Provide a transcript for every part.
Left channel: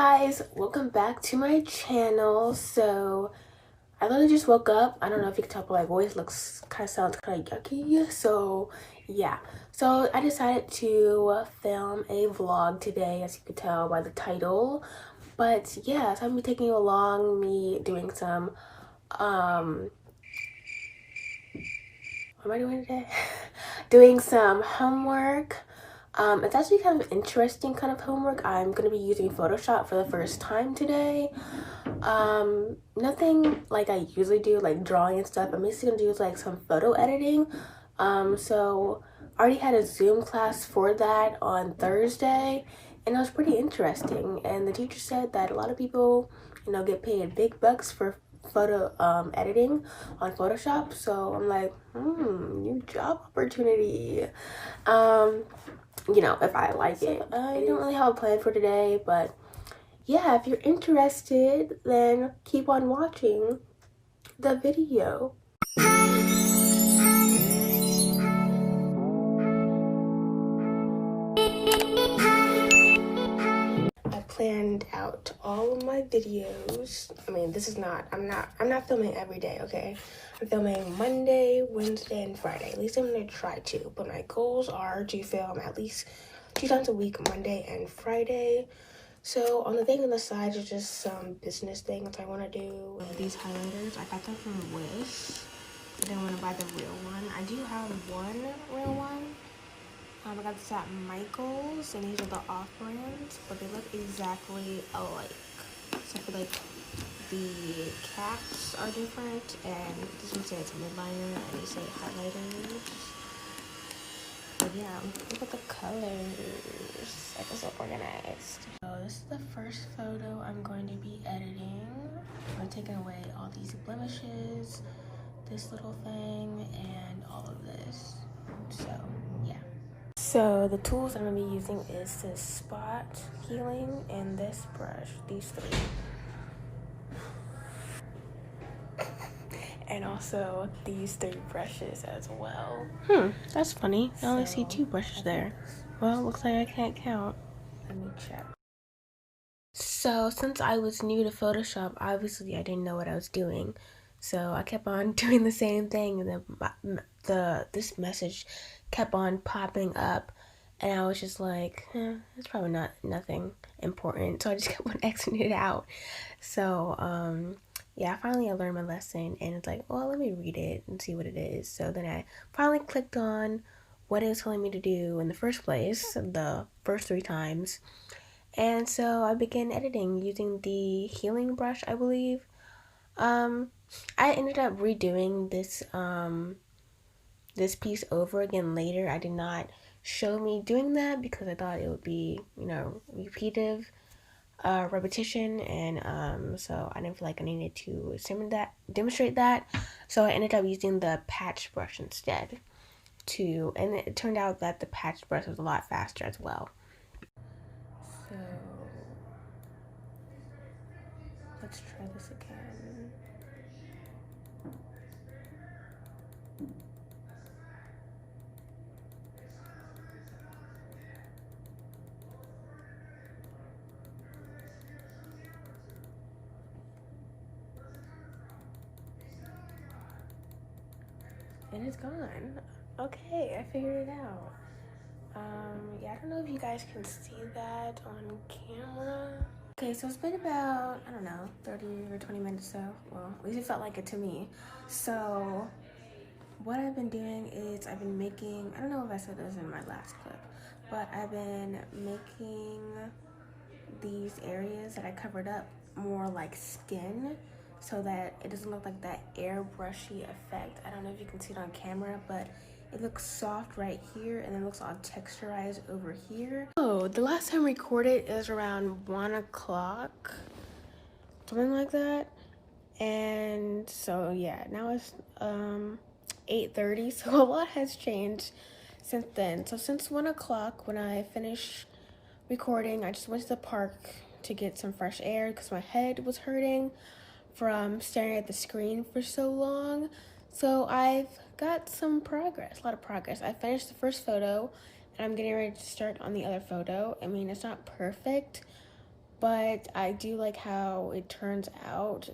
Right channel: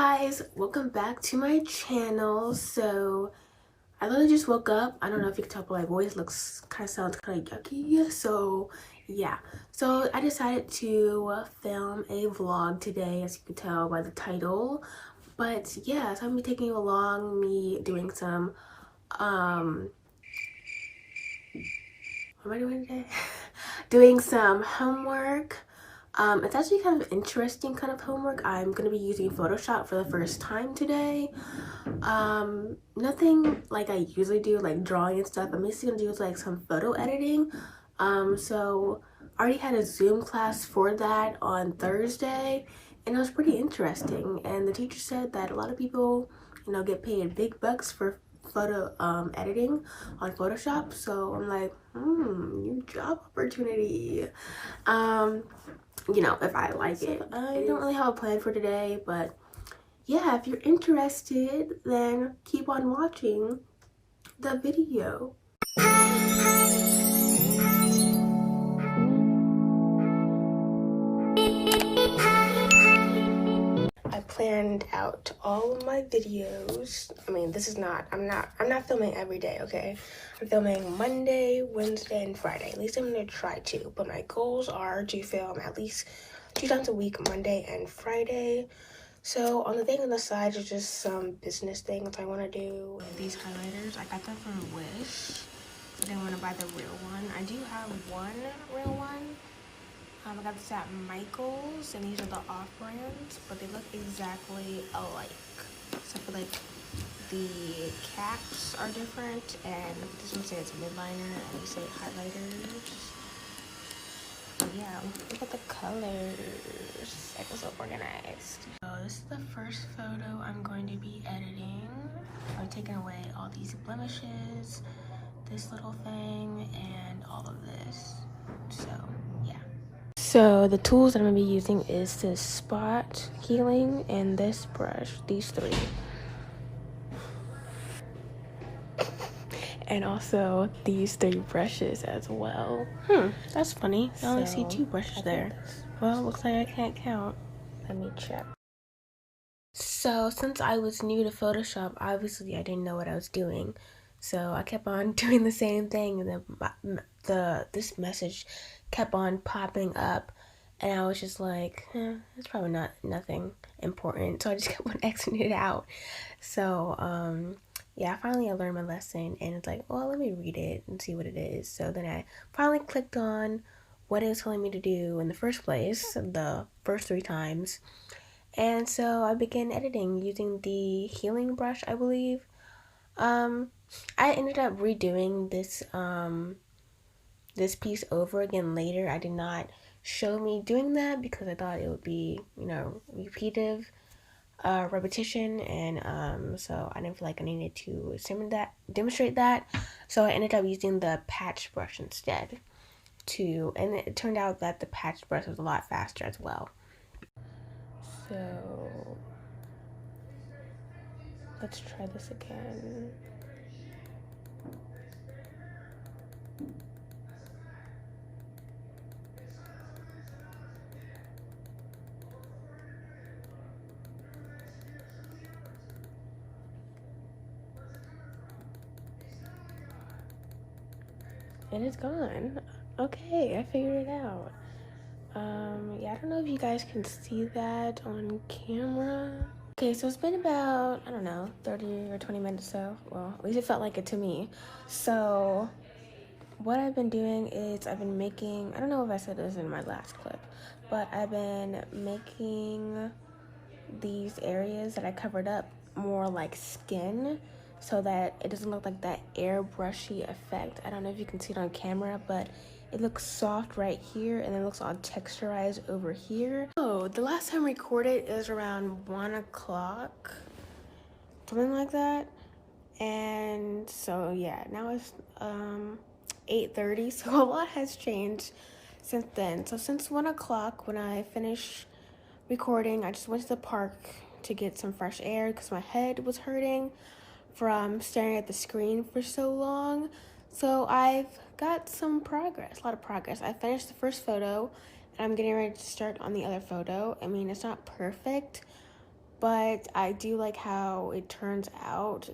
guys, welcome back to my channel. So I literally just woke up. I don't know if you can tell, but my voice sounds kind of yucky. So yeah, so I decided to film a vlog today, as you can tell by the title. But yeah, so I'm gonna be taking you along, me doing some what am I doing today? Doing some homework. It's actually kind of interesting kind of homework. I'm going to be using Photoshop for the first time today. Nothing like I usually do, like drawing and stuff. I'm basically going to do like some photo editing. So I already had a Zoom class for that on Thursday, and it was pretty interesting. And the teacher said that a lot of people, get paid big bucks for photo editing on Photoshop. So I'm like, new job opportunity. If I like it. I don't really have a plan for today, but yeah, if you're interested, then keep on watching the video. I planned out all of my videos. I mean, I'm not filming every day, okay? I'm filming Monday, Wednesday, and Friday. At least I'm gonna try to, but my goals are to film at least 2 times a week, Monday and Friday. So on the thing on the side is just some business things I want to do. These highlighters, I got them from Wish. I didn't want to buy the real one. I do have one real one. I got this at Michael's, and these are the off-brands, but they look exactly alike. Except for like the caps are different, and this one says midliner, and these say highlighters. But yeah, look at the colors. I feel so organized. So this is the first photo I'm going to be editing. I'm taking away all these blemishes, this little thing, and all of this. So yeah. So the tools that I'm gonna be using is this spot healing and this brush, these three. And also these 3 brushes as well. That's funny. I only see 2 brushes there. Well, looks like I can't count. Let me check. So since I was new to Photoshop, obviously I didn't know what I was doing. So I kept on doing the same thing, and then this message kept on popping up, and I was just like, it's probably nothing important. So I just kept on Xing it out. So yeah, finally I learned my lesson, and it's like, well, let me read it and see what it is. So then I finally clicked on what it was telling me to do in the first place, the first 3 times. And so I began editing using the healing brush, I believe. I ended up redoing this piece over again later. I did not show me doing that because I thought it would be, repetition, and so I didn't feel like I needed to demonstrate that. So I ended up using the patch brush instead and it turned out that the patch brush was a lot faster as well. So let's try this again. And it's gone. Okay, I figured it out. Yeah, I don't know if you guys can see that on camera. Okay, so it's been about, I don't know, 30 or 20 minutes so. Well, at least it felt like it to me. So what I've been doing is I've been making, I don't know if I said this in my last clip, but I've been making these areas that I covered up more like skin, so that it doesn't look like that airbrushy effect. I don't know if you can see it on camera, but it looks soft right here, and it looks all texturized over here. Oh, the last time I recorded is around 1 o'clock, something like that. And so yeah, now it's 8:30, so a lot has changed since then. So since 1 o'clock, when I finished recording, I just went to the park to get some fresh air because my head was hurting from staring at the screen for so long. So I've got some progress, a lot of progress. I finished the first photo, and I'm getting ready to start on the other photo. I mean, it's not perfect, but I do like how it turns out.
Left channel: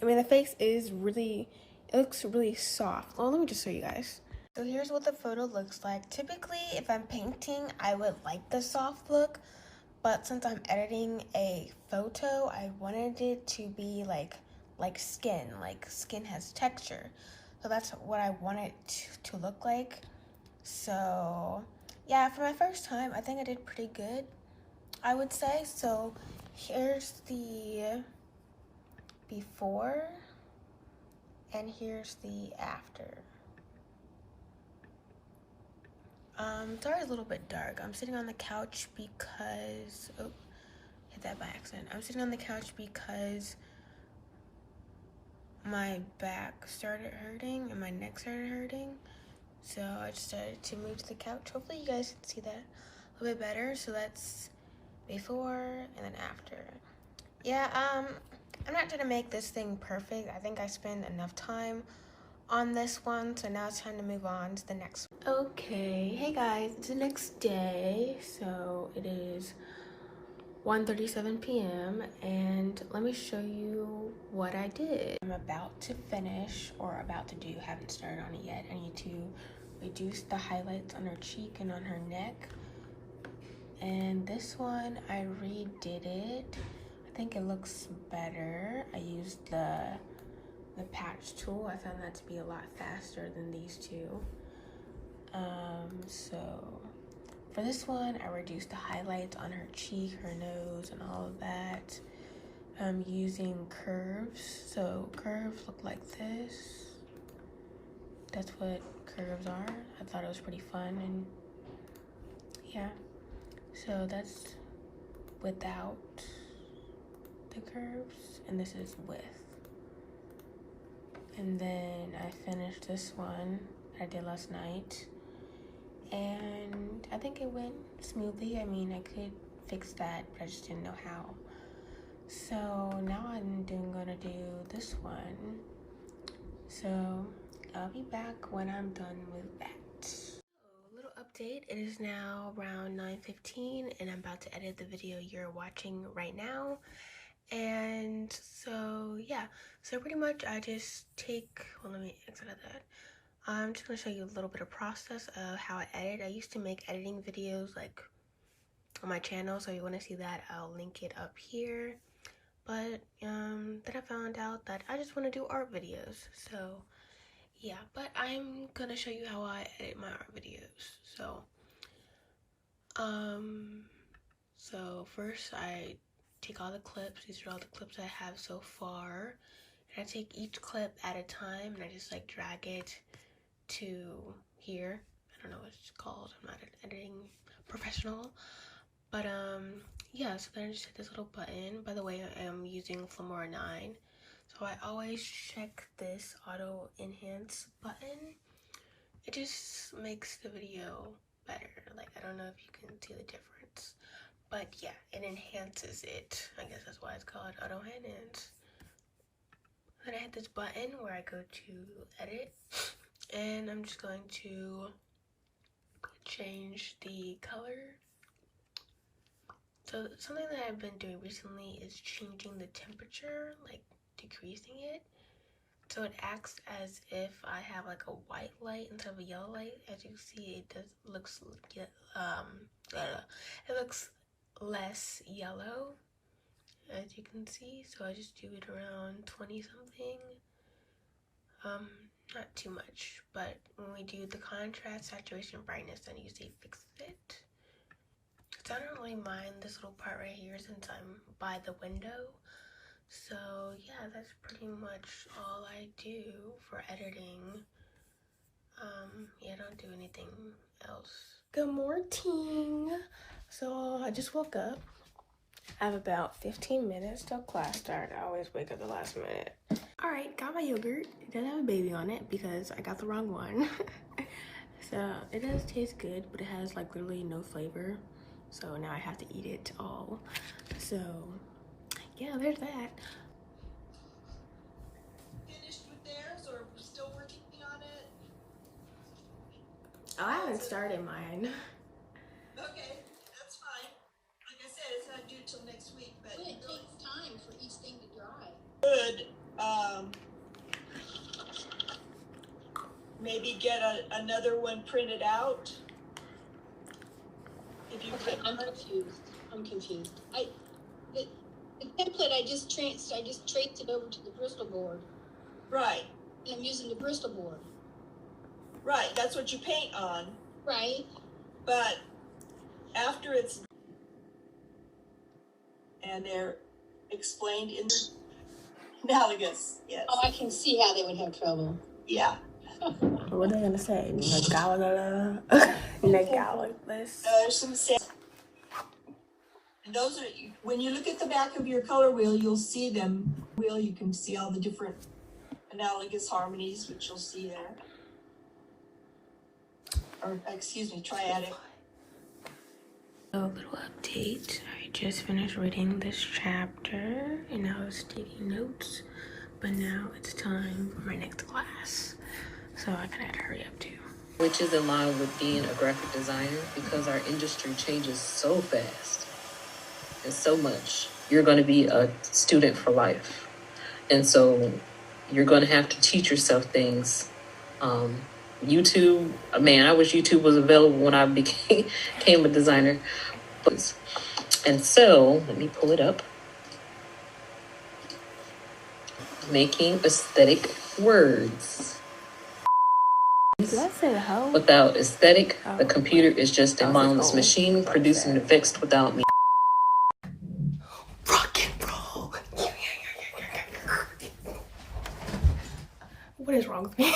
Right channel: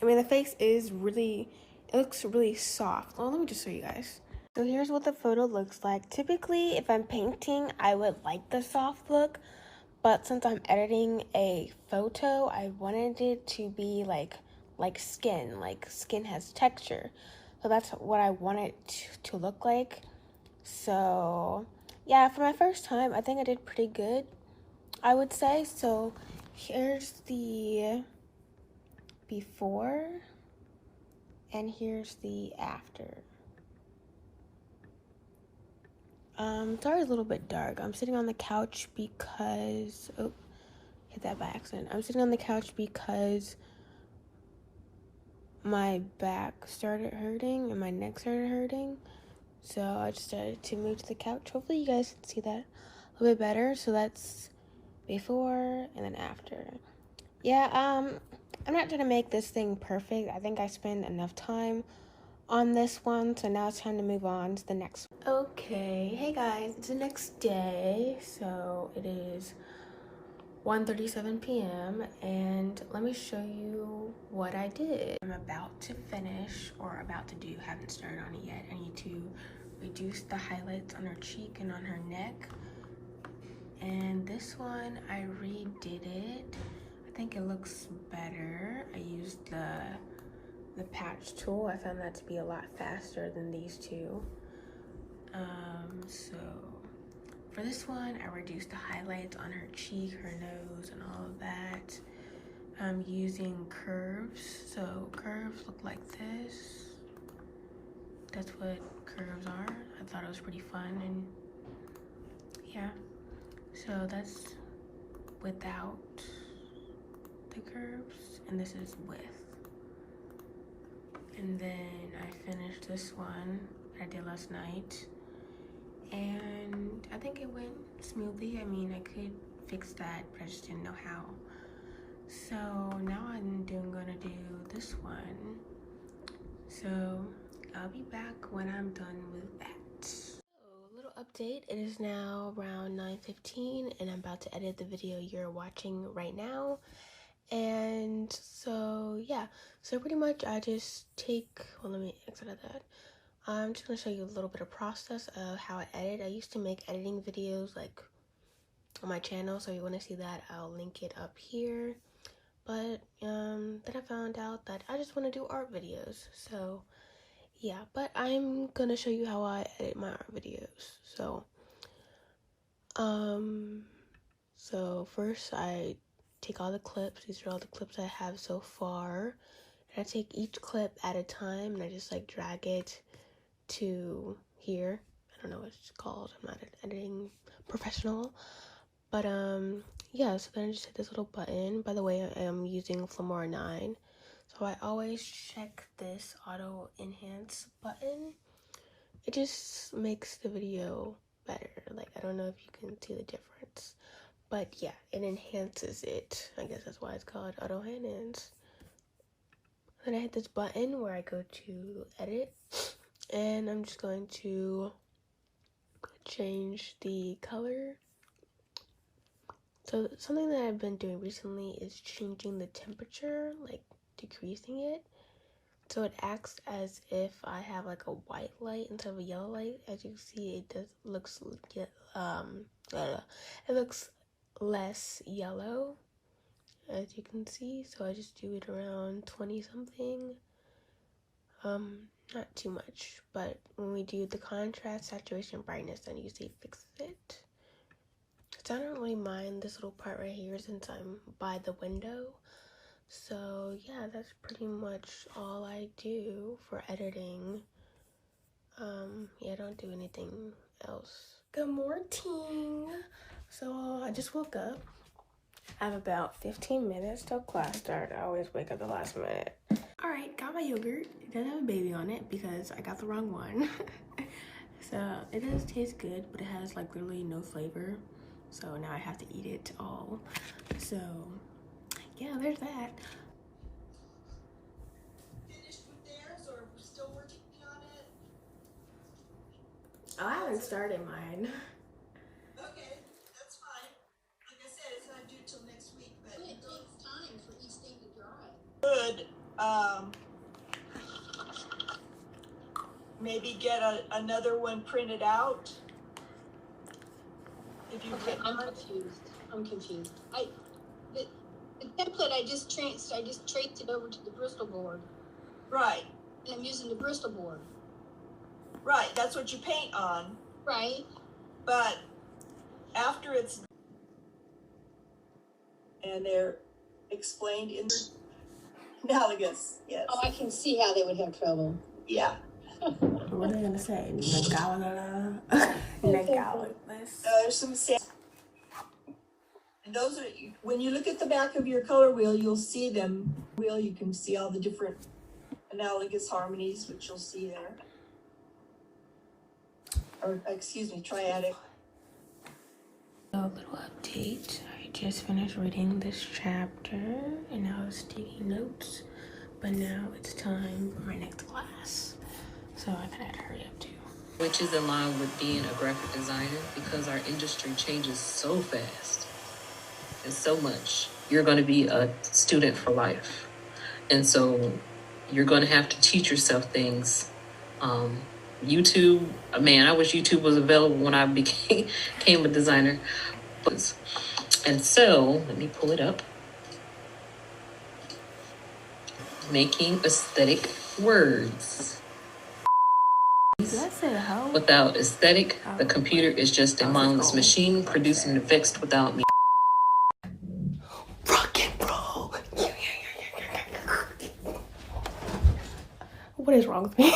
I mean, the face is really, it looks really soft. Well, let me just show you guys. So here's what the photo looks like. Typically, if I'm painting, I would like the soft look, but since I'm editing a photo, I wanted it to be like skin. Like skin has texture. So that's what I want it to look like. So yeah, for my first time, I think I did pretty good, I would say. So here's the before and here's the after. Sorry, it's a little bit dark. I'm sitting on the couch because, oh, hit that by accident. I'm sitting on the couch because my back started hurting and my neck started hurting. So I just started to move to the couch. Hopefully you guys can see that a little bit better. So that's before and then after. Yeah, I'm not trying to make this thing perfect. I think I spent enough time on this one, so now it's time to move on to the next one. Okay, hey guys, it's the next day. So it is 1:37 p.m. and let me show you what I did. I'm about to finish, or about to do, haven't started on it yet. I need to reduce the highlights on her cheek and on her neck. And this one, I redid it. I think it looks better. I used the patch tool. I found that to be a lot faster than these two. So for this one, I reduced the highlights on her cheek, her nose, and all of that. I'm using curves. So curves look like this. That's what curves are. I thought it was pretty fun, and yeah. So that's without the curves, and this is with. And then I finished this one I did last night, and I think it went smoothly. I mean, I could fix that, but I just didn't know how. So now I'm gonna do this one. So I'll be back when I'm done with that. So, a little update. It is now around 9:15 and I'm about to edit the video you're watching right now. And so yeah, so pretty much I just take, well, let me exit out that. I'm just gonna show you a little bit of process of how I edit. I used to make editing videos like on my channel, so you want to see that, I'll link it up here. But then I found out that I just want to do art videos, so yeah. But I'm gonna show you how I edit my art videos. So first I take all the clips. These are all the clips I have so far, and I take each clip at a time and I just like drag it to here. I don't know what it's called, I'm not an editing professional, but yeah. So then I just hit this little button. By the way, I am using Filmora 9, so I always check this auto enhance button. It just makes the video better. Like, I don't know if you can see the difference, but yeah, it enhances it. I guess that's why it's called auto enhance. Then I hit this button where I go to edit, and I'm just going to change the color. So something that I've been doing recently is changing the temperature, like decreasing it, so it acts as if I have like a white light instead of a yellow light. As you can see, it looks less yellow, as you can see. So I just do it around 20 something. Not too much, but when we do the contrast, saturation, brightness, then you see fixes it. So I don't really mind this little part right here since I'm by the window. So yeah, that's pretty much all I do for editing. Yeah, I don't do anything else. Good morning. So I just woke up. I have about 15 minutes till class start. I always wake up the last minute. All right, got my yogurt. It doesn't have a baby on it because I got the wrong one. So it does taste good, but it has like literally no flavor. So now I have to eat it all. So yeah, there's that. Finished with theirs, or we're still working on it? Oh, I haven't started mine. Okay, that's fine. Like I said, it's not due till next week, but maybe get another one printed out. If you Okay, could. I'm confused. The template I just traced it over to the Bristol board. Right. And I'm using the Bristol board. Right, that's what you paint on. Right. But after it's and they're explained in the analogous, yes. Oh, I can see how they would have trouble. Yeah. What are they gonna say? Nagala. Nagala. Some and those are, when you look at the back of your color wheel, you'll see them. You can see all the different analogous harmonies, which you'll see there. Or, excuse me, triadic. A little update. I just finished reading this chapter and I was taking notes, but now it's time for my next class. So I kind of gotta hurry up too. Which is in line with being a graphic designer because our industry changes so fast and so much. You're going to be a student for life. And so you're going to have to teach yourself things. YouTube, man, I wish YouTube was available when I became a designer. And so, let me pull it up. Making aesthetic words. Did I say ho? Without aesthetic, the computer is just a mindless machine producing effects without me. Rock and roll. What is wrong with me?